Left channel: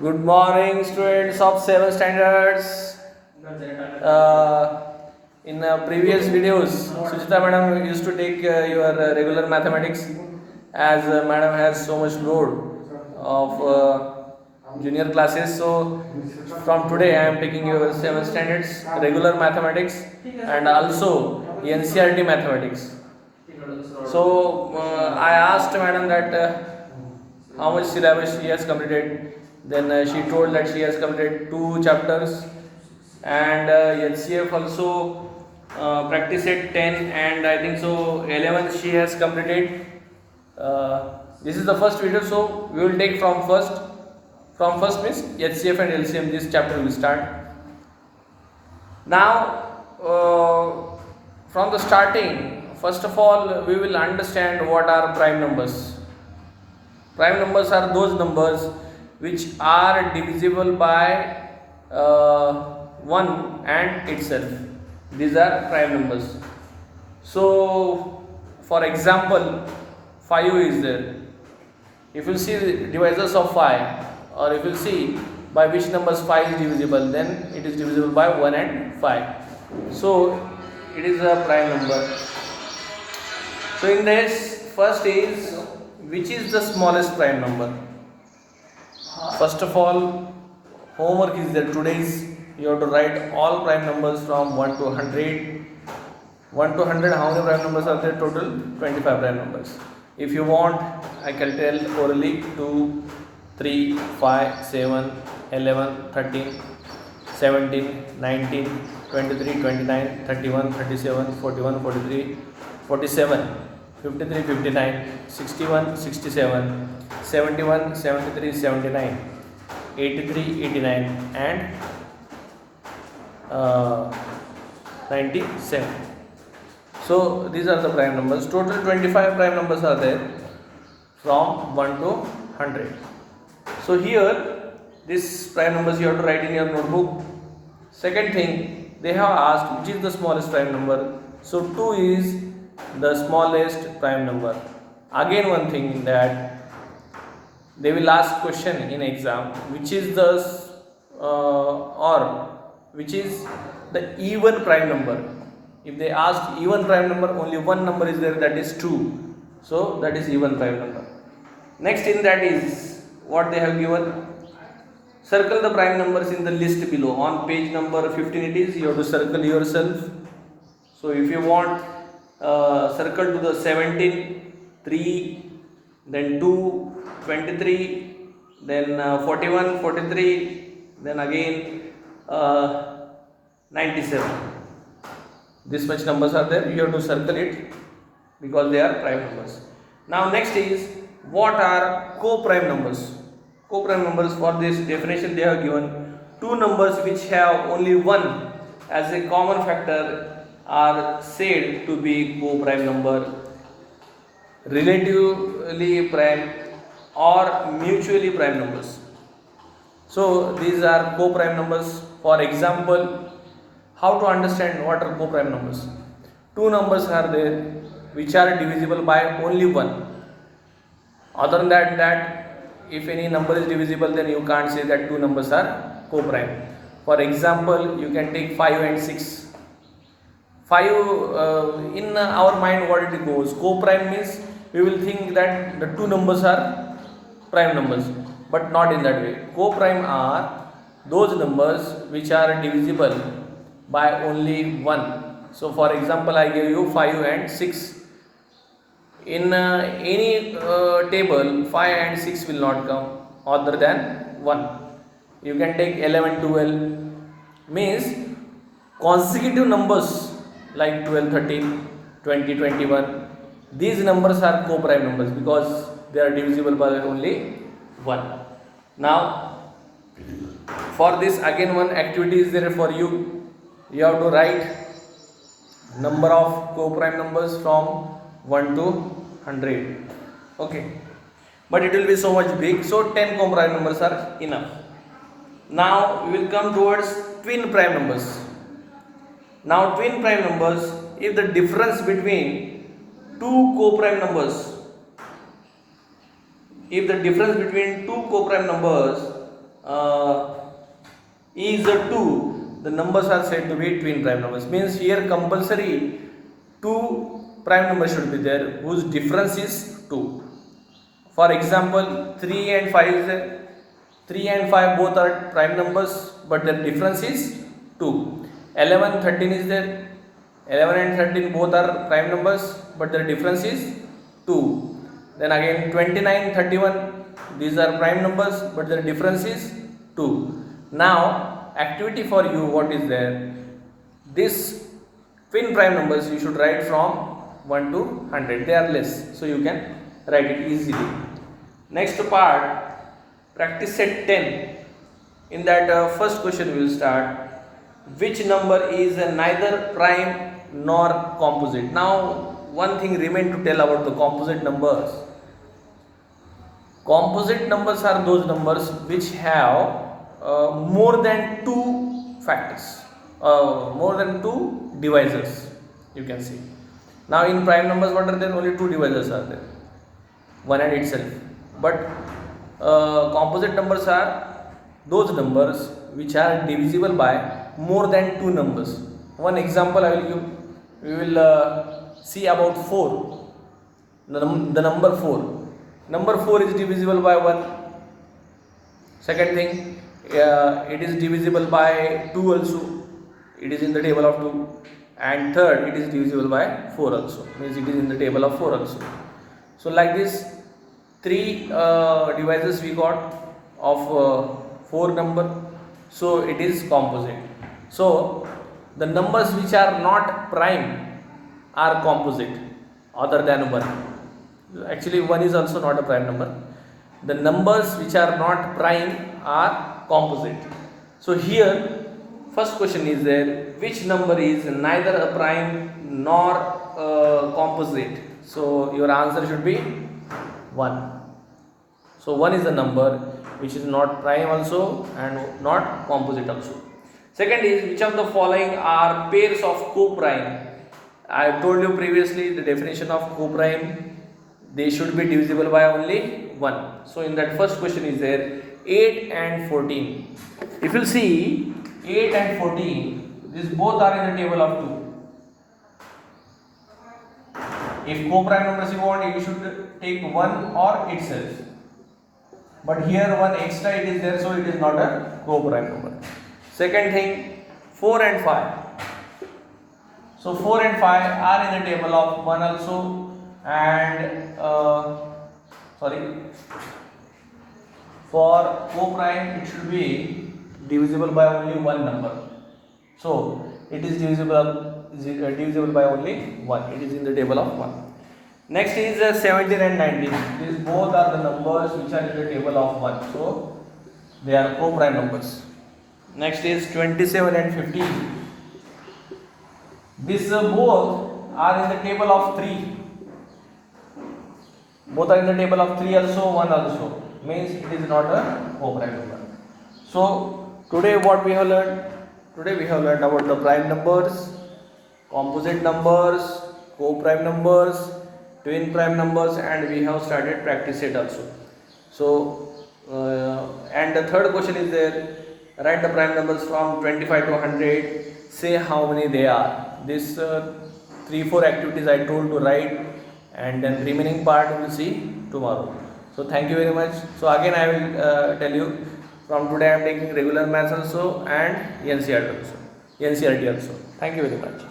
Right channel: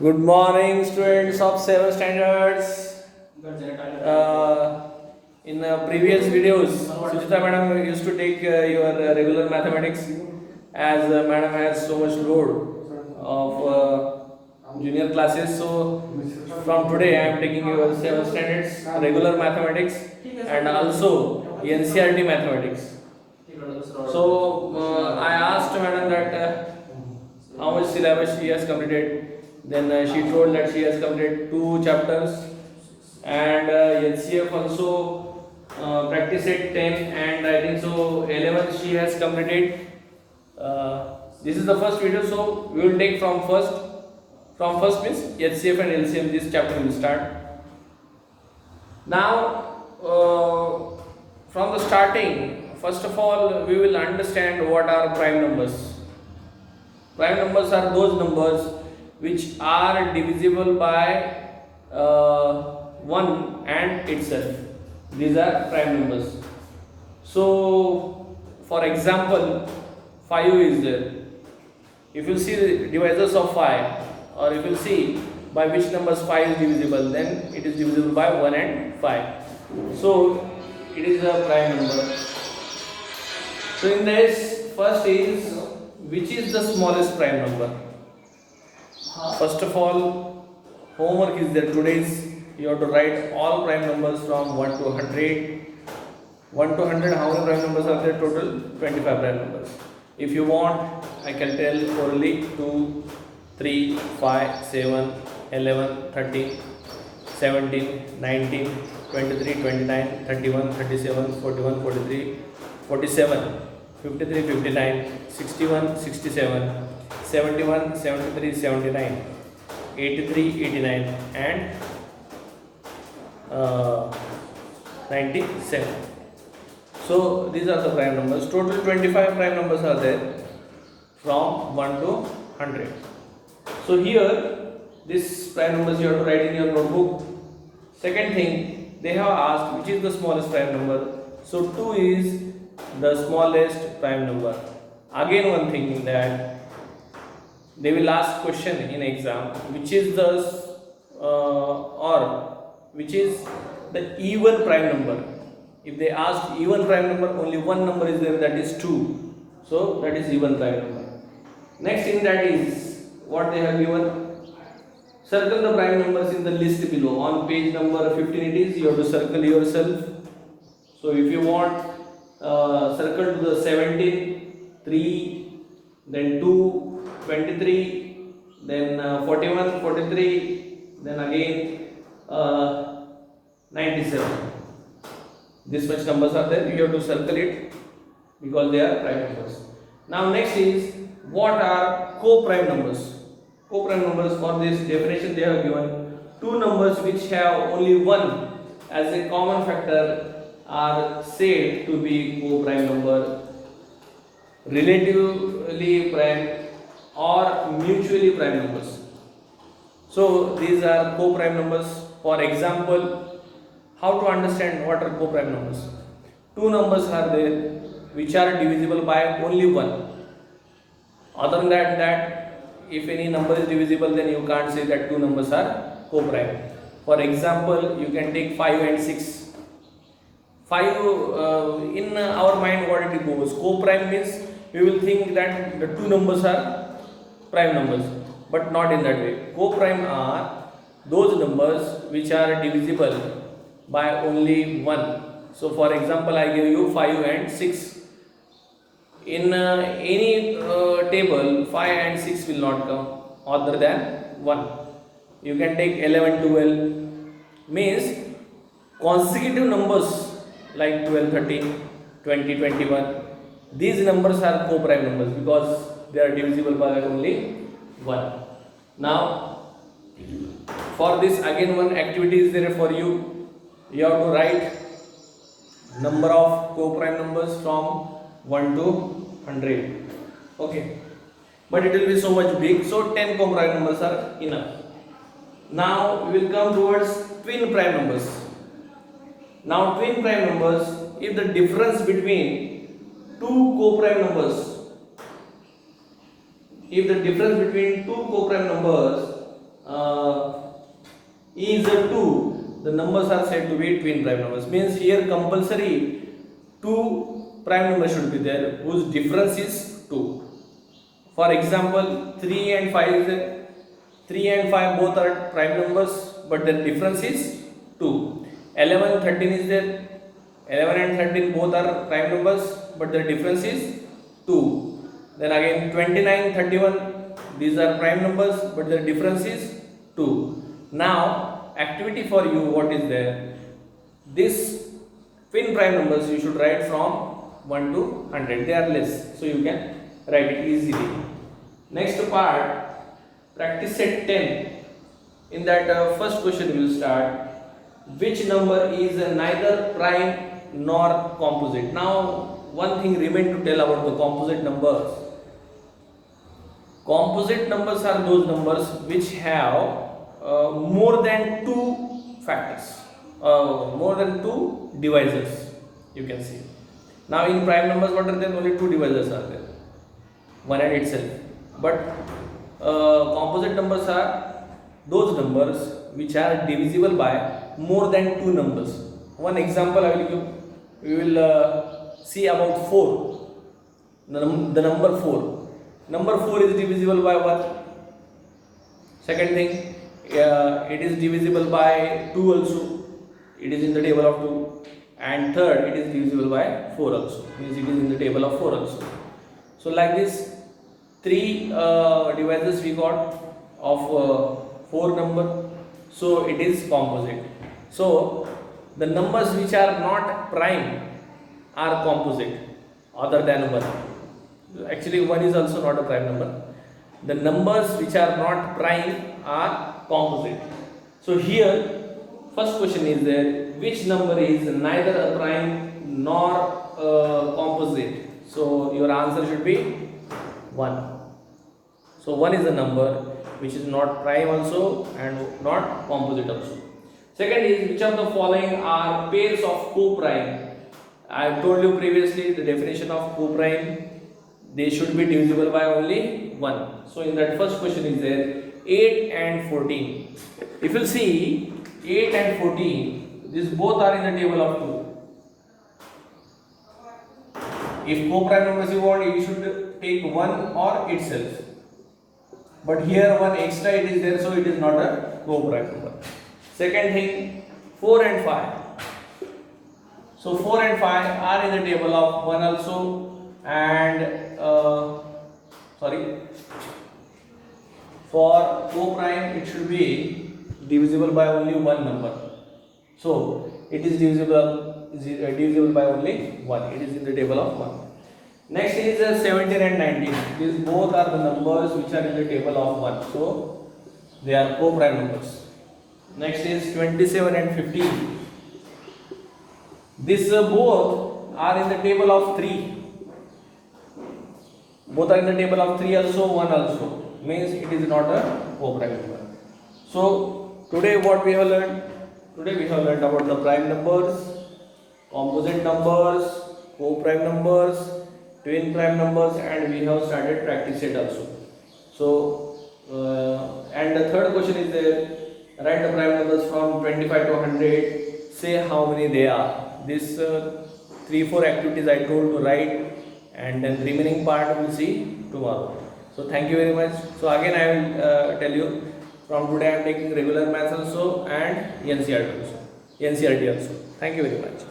Good morning, students of 7 standards. In previous videos, Sujita madam used to take your regular mathematics as madam has so much load of junior classes. So from today, I am taking your 7 standards regular mathematics and also NCERT mathematics. So I asked madam that how much syllabus she has completed. Then she told that she has completed 2 chapters and LCF also practice it 10 and I think so 11 she has completed. This is the first video, so we will take from first. From first means HCF and LCM. This chapter will start. Now, from the starting, first of all, we will understand what are prime numbers. Prime numbers are those numbers which are divisible by 1 and itself. These are prime numbers. So, for example, 5 is there. If you see the divisors of 5, or if you see by which numbers 5 is divisible, then it is divisible by 1 and 5. So, it is a prime number. So, in this, first is which is the smallest prime number. First of all, homework is there. Today's you have to write all prime numbers from 1 to 100. 1 to 100, how many prime numbers are there total? 25 prime numbers. If you want, I can tell orally 2, 3, 5, 7, 11, 13, 17, 19, 23, 29, 31, 37, 41, 43, 47, 53, 59, 61, 67, 71, 73, 79, 83, 89 and 97. So these are the prime numbers. Total 25 prime numbers are there from 1 to 100. So here these prime numbers you have to write in your notebook. Second thing, they have asked which is the smallest prime number. So 2 is the smallest prime number. Again one thing that they will ask question in exam, which is the which is the even prime number. If they ask even prime number, only one number is there, that is 2. So that is even prime number. Next in that is what they have given. Circle the prime numbers in the list below. On page number 15 it is, you have to circle yourself. So if you want, circle to the 17, 3, then 2, 23, then 41, 43, then again 97. This much numbers are there, you have to circle it because they are prime numbers. Now next is what are co-prime numbers. Co-prime numbers, for this definition they have given 2 numbers which have only 1 as a common factor are said to be co-prime number, relatively prime or mutually prime numbers. So these are co-prime numbers. For example, how to understand what are co-prime numbers? 2 numbers are there which are divisible by only 1. Other than that, if any number is divisible, then you can't say that 2 numbers are co-prime. For example, you can take 5 and 6. 5 in our mind what it goes, co-prime means we will think that the 2 numbers are prime numbers, but not in that way. Co-prime are those numbers which are divisible by only 1. So for example, I give you 5 and 6. In any table, 5 and 6 will not come other than 1. You can take 11, 12, means consecutive numbers like 12, 13, 20, 21. These numbers are co-prime numbers because they are divisible by only 1. Now, for this again one activity is there for you. You have to write number of co-prime numbers from 1 to 100. Okay, but it will be so much big, so 10 co-prime numbers are enough. Now we will come towards twin prime numbers. Now twin prime numbers, if the difference between 2 co-prime numbers, if the difference between 2 co-prime numbers is a 2, the numbers are said to be twin prime numbers. Means here compulsory 2 prime numbers should be there whose difference is 2. For example, 3 and 5 is there. 3 and 5 both are prime numbers, but their difference is 2. 11, 13 is there. 11 and 13 both are prime numbers, but their difference is 2. Then again 29, 31, these are prime numbers, but their difference is 2. Now, activity for you, what is there? This twin prime numbers you should write from 1 to 100. They are less, so you can write it easily. Next part, practice set 10. In that first question we will start. Which number is neither prime nor composite? Now, one thing remains to tell about the composite numbers. Composite numbers are those numbers which have more than 2 factors, more than 2 divisors, you can see. Now in prime numbers, what are there? Only 2 divisors are there, 1 and itself. But composite numbers are those numbers which are divisible by more than 2 numbers. One example I will give. We will see about 4, the number 4. Number 4 is divisible by 1. Second thing, it is divisible by 2 also. It is in the table of 2. And third, it is divisible by 4 also. Means it is in the table of 4 also. So like this, 3 divisors we got of 4 number. So it is composite. So the numbers which are not prime are composite other than 1. Actually 1 is also not a prime number. The numbers which are not prime are composite. So here first question is there, which number is neither a prime nor a composite? So your answer should be 1. So 1 is a number which is not prime also and not composite also. Second is, which of the following are pairs of co-prime? I told you previously the definition of co-prime. They should be divisible by only 1. So in that first question is there 8 and 14. If you see 8 and 14, these both are in the table of 2. If co-prime numbers you want, you should take 1 or itself. But here 1 extra it is there, so it is not a co-prime number. Second thing, 4 and 5. So 4 and 5 are in the table of 1 also, and for co-prime it should be divisible by only 1 number. So it is divisible by only 1. It is in the table of 1. Next is 17 and 19. These both are the numbers which are in the table of 1. So they are co-prime numbers. Next is 27 and 15. These both are in the table of 3. Both are in the table of 3 also, 1 also. Means it is not a co-prime number. So today what we have learned? Today we have learned about the prime numbers, composite numbers, co-prime numbers, twin prime numbers, and we have started practice set also. So and the third question is there, write the prime numbers from 25 to 100, say how many they are. This 3-4 activities I told to write, and then remaining part we will see tomorrow. So thank you very much. So again I will tell you, from today I am taking regular maths also and NCERT also. Thank you very much.